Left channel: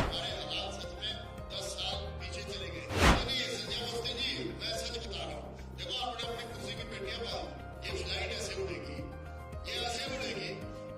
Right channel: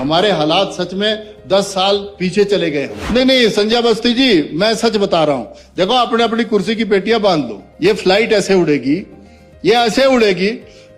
हमारे हालात सच में 10 साल पीछे चले गए। नहीं संजय अवस्थी जी, मैं सच बता रहा हूँ। देखो, अपने अपनी कुर्सी की पेटियां बांध लो। ये फ्लाइट ऐसे उड़ेगी, ये ऐसे उड़ेगी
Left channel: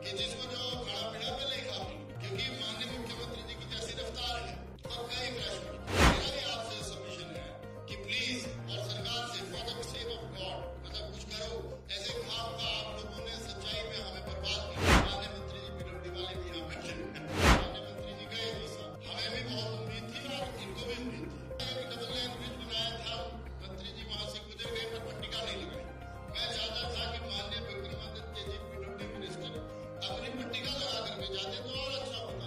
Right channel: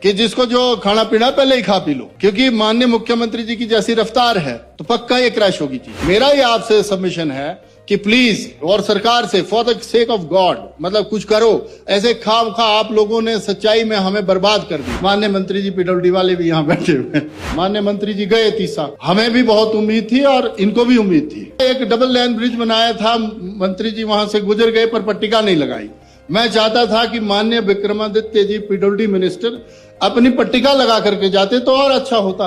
कि जिसको जो खाना पीना पहले ही खा पी लो, क्योंकि माननीय मुख्यमंत्री जी की जैसी रफ्तार है तो पक्का ये क्रैश होगी। मेरा ही आपसे सबमिशन है कि प्लीज, और सरकार से, for the sake of God, मतलब कुछ करो। ऐसे खाम खा आप लोगों ने सच्चाई में हमें बर्बाद कर दिया। माननीय मंत्री जी पीडब्ल्यूडी वाले भी यहाँ बैठे हुए हैं। माननीय मंत्री जी गए 30 साल, हमें भी बहुत उम्मीद थी और इनको भी उम्मीद थी। एक डबल लाइन ब्रिज बनाया था, मंत्री जी वहां से गुजर गए पर पट्टिका नहीं लगाई। मैं चाहता था कि माननीय विक्रमादित्य जी पीडब्ल्यूडी मिनिस्टर अपनी पट्टिका लगा करके जाते तो और अच्छा होता।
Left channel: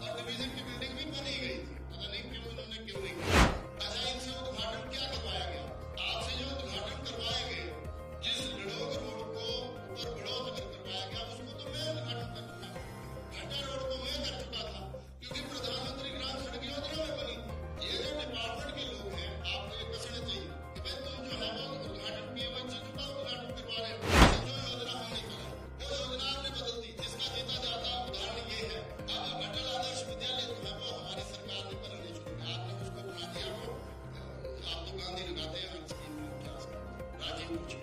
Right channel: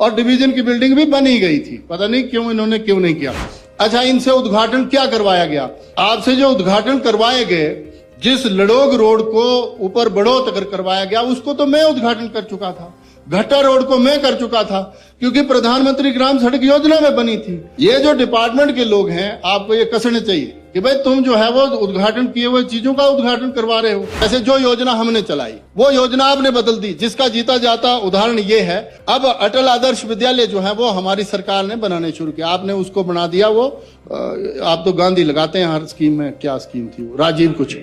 और डिवीजन की बिल्डिंग भी बनी गई थी, पता नहीं क्यों इन्होंने क्यों नहीं किया। अच्छा, इनसे उद्घाटन क्या करवाया गया? आपसे जो उद्घाटन करवाए गए, जिस लड़ोग रोड को ऊपर बढ़ोत तक करवाया गया, उसको तो मैं उद्घाटन कर चुका था। घट्टा रोड को मैं कर चुका था, क्योंकि प्रधानमंत्री ग्राम सड़क योजना में बनी थी। ये जो डिपार्टमेंट के लोग हैं, आपको ये कसने चाहिए कि भाई तुम जो है वो उद्घाटन किए हुए चीजों का उद्घाटन करवा रहे हो। ऐसे जो योजना हमने चलाई वो योजना आपने बदल दी, जिसका जीता जाता उदाहरण ये है। अब अटल आदर्श विद्यालय जो है वो हमारी सरकार ने बनाने शुरू किया, आपने उसको बना दिया। वो आप तो गांधी लगाते हैं हर स्कीम में। क्या स्कीम थी वो? राजीव कुछ,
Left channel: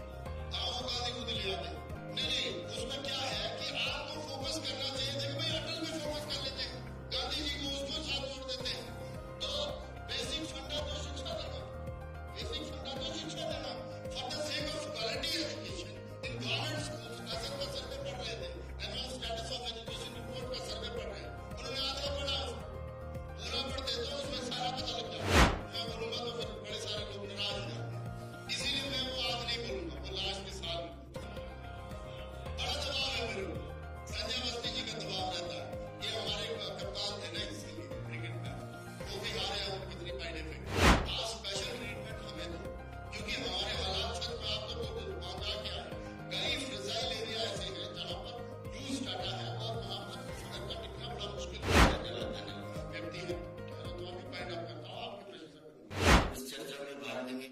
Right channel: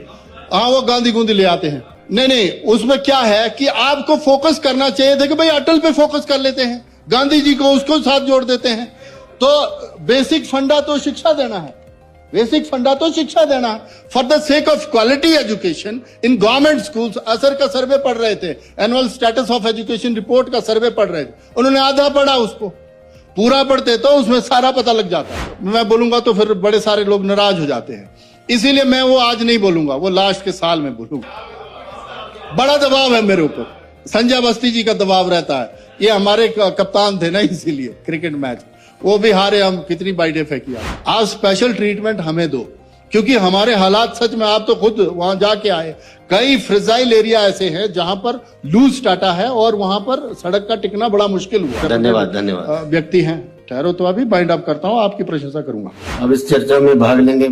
हाँ, वो गांधी गूंधी ले आते हैं। नहीं, उसमें क्या है कि आपको फोकस करना चाहिए था कि भाई अटल पे फोकस कर लेते हैं, गांधी जी को उसको साथ जोड़ देते हैं। तो बेसिक फंडा तो शिक्षा देना है, बेसिक फंडा तो शिक्षा देना। For the sake of quality education in government schools. असर का सर्वे पढ़ रहे थे, annual status of education report का सर्वे पढ़ रहे थे। उन्होंने आधा पढ़ा, उसको पूरा पढ़ते तो उसमें सारा पता लग जाता। मैं बोलूंगा तो फिर बड़े सारे लोग नाराज हो जाते हैं, इसीलिए मैं वो आज नहीं बोलूंगा, वो लास्ट के साल में बोलूंगा। बड़ा दबाव है मेरे ऊपर, संजय अवस्थी जी का दबाव रहता है। ये हमारे कप्तान थे ना, इसीलिए क्रिकेट मैच वो भी हारे, हम कितनी बाइटें फेंकी। आप स्पेशल ट्रीटमेंट हमें दो, क्योंकि हमारे हालात सच में, आप तो खुद वहां जाके आए। कई फ्रेजाइल एरिया ऐसे हैं जहां पर लूज टाटा है और वहां पर सड़क का टिकना बड़ा मुश्किल हुआ। धन्यवाद। व्यक्ति हैं, ठहरो तो अभी बाइंड अप करता हूँ, आपकी प्रशंसा करूंगा। अब इस चर्चा में भाग लेंगे।